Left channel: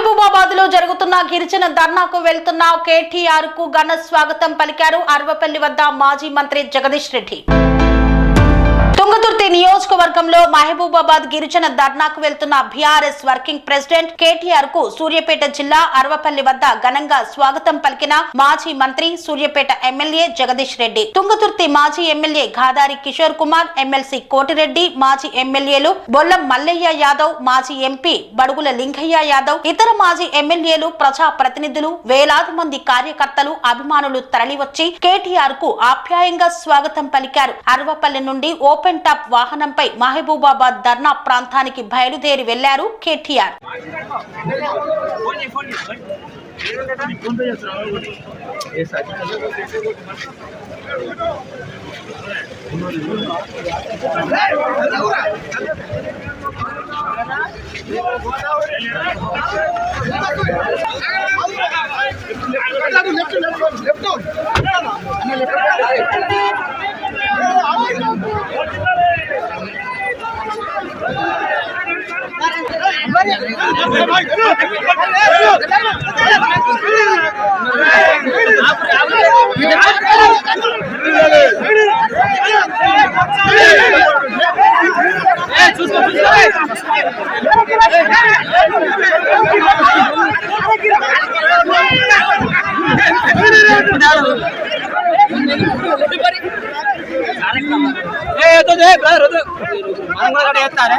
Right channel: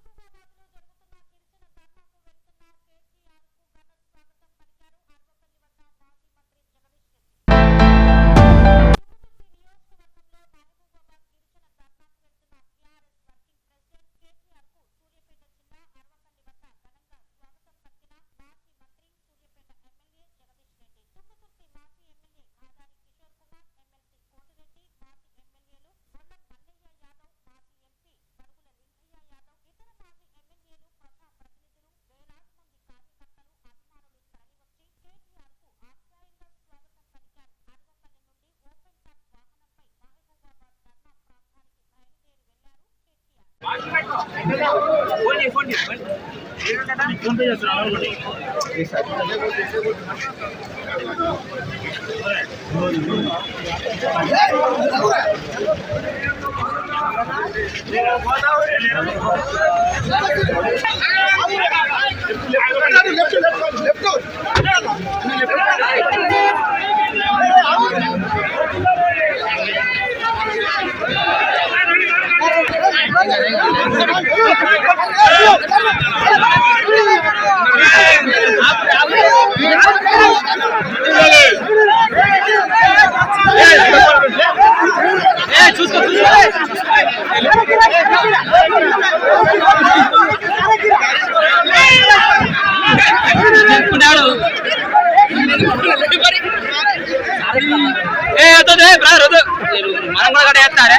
మహబూబాబాద్లో జరుగుతున్న గిరిజన ధర్నాకు వెళ్తున్న కేటీఆర్కు ఘన స్వాగతం పలికారు అరవపల్లి వద్ద మాజీ మంత్రి జగదీష్ రెడ్డి. తుంగతుర్తి నియోజకవర్గంలో మహబూబాబాద్ గిరిజన ధర్నాకు వెళ్తున్న బీఆర్ఎస్ వర్కింగ్ ప్రెసిడెంట్ కేటీఆర్కు సూర్యాపేట జిల్లా అరవపల్లి వద్ద ఘనంగా స్వాగతం పలికిన మాజీ మంత్రి సూర్యాపేట ఎమ్మెల్యే జగదీష్ రెడ్డి. తుంగతుర్తి మాజీ ఎమ్మెల్యే గాదారి కిషోర్ కుమార్ ఎమ్మెల్సీ కోటిరెడ్డి మాజీ ఎమ్మెల్యేలు బొల్లం మల్లయ్య యాదవ్ మాజీ ఎంపీ బడుగుల లింగయ్య యాదవ్ ఇతర మాజీ ఎమ్మెల్యేలు ప్రజా ప్రతినిధులు వేలాది మంది కార్యకర్తలు అభిమానులు తరలివచ్చి కేటీఆర్కు ఆప్యాయంగా స్వాగతం పలికారు. అరవపల్లి నుండి ఓపెన్ టాప్ వాహనంపై మహబూబాబాద్ ధర్నా ప్రాంతానికి బయలుదేరి వెళ్లారు కేటీఆర్ ఏ వద్దు బ్రదర్ వద్దు. మనం కూడా కట్ట చేస్తారే?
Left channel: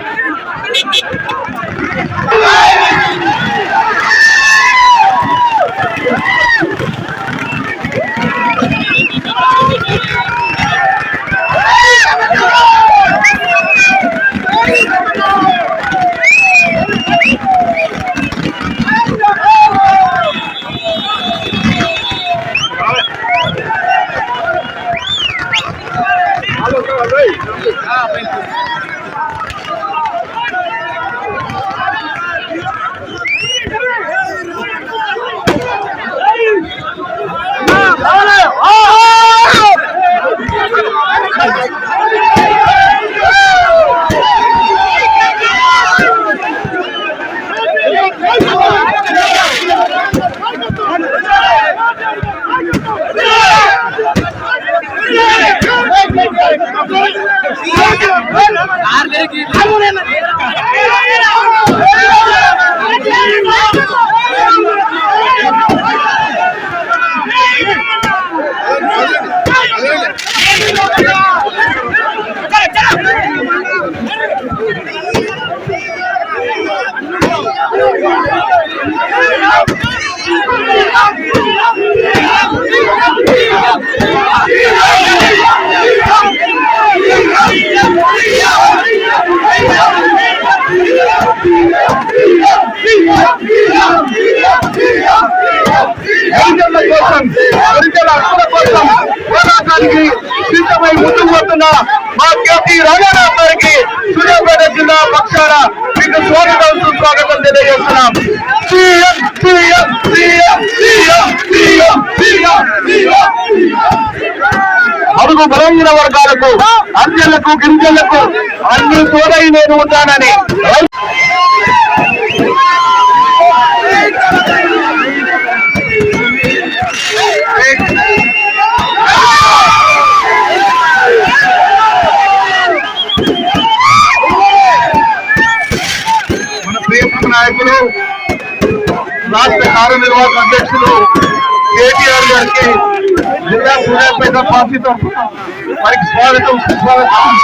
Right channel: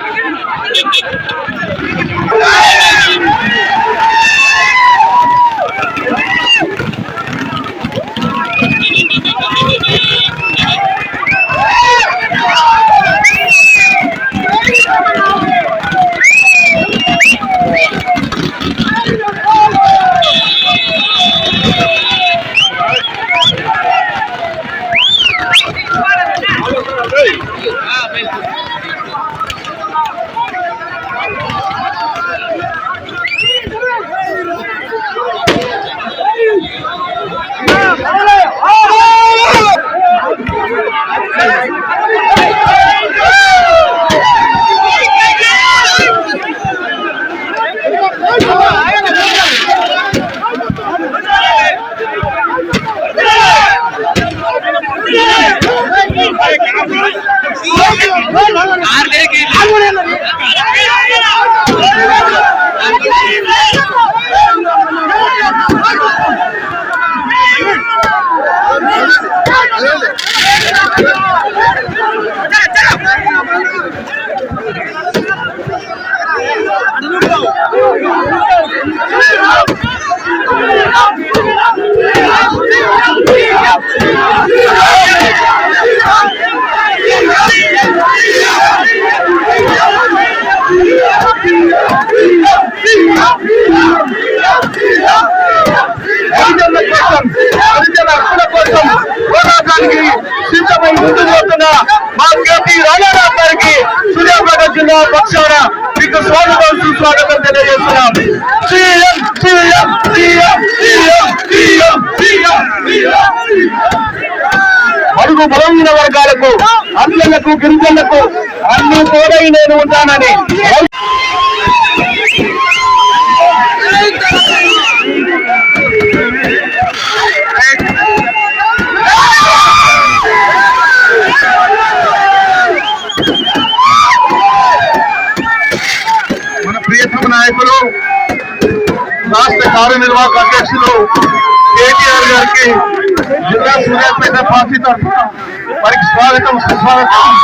ಆರ್ గిరిజనుల కోసం గిరిజన హక్కుల కోసం పోరాటానికి సిద్ధమై ముందుకు వస్తున్న మా రంగారావు గారికి సూర్యాపేట జిల్లా పక్షాన మీకు స్వాగతం సుస్వాగతం తెలియజేస్తున్నాం CM CM CM CM CM CM అడుగు బలహీన వర్గాలకు అంజలకు గిరిజనులకు అన్ని తోడై నేను ఉంటానని రాష్ట్ర కార్యనిర్వాహక అధ్యక్షులు కేటీఆర్ గారికి జిల్లా సూర్యాపేట పార్టీ తరఫున వారికి స్వాగతం సుస్వాగతం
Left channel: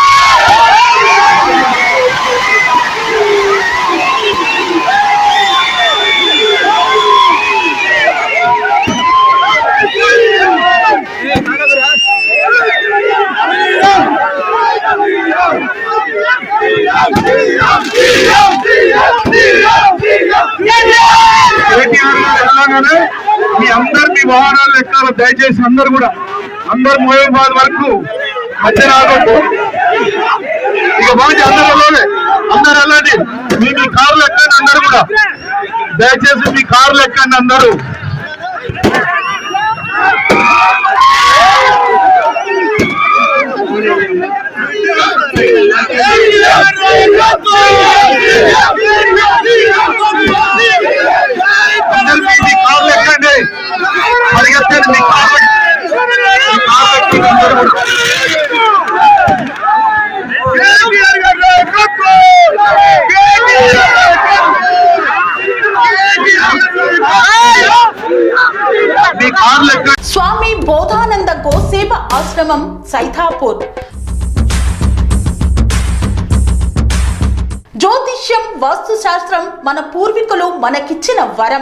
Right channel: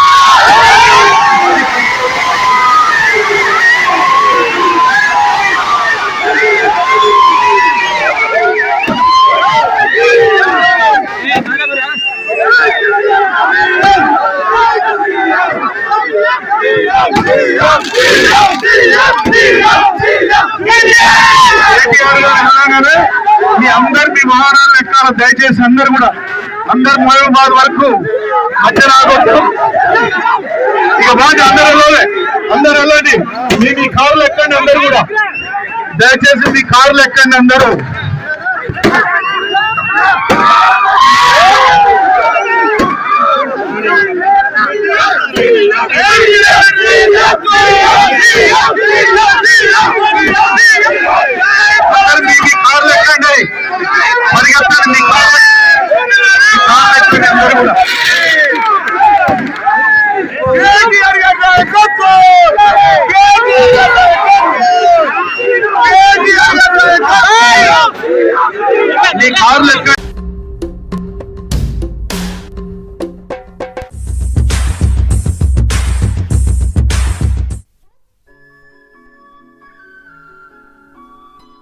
కేటీఆర్ గారు అనగానే మీ అందరు వాహనాలు ఎక్కాలి. దయచేసి అందరు కూడా అందరు మహబూబాద్ వరకు మధ్య రావద్దు. ఇక బాగా అందరూ వెళ్ళాలి అందరు వెళ్ళండి. మీ మీ కార్లు ఎక్కండి అందరు కూడా. దయచేసి మీ కార్లు ఎక్కండి అందరూ అందరు. మీ మీ అందరూ కూడా స్వామి బోధానంద గోసేవ ఆశ్రమం సైథాపూర్ జ్యోతిష్యం వాస్తుశాస్త్రం మన పూర్వీకులు మనకిచ్చిన వరం.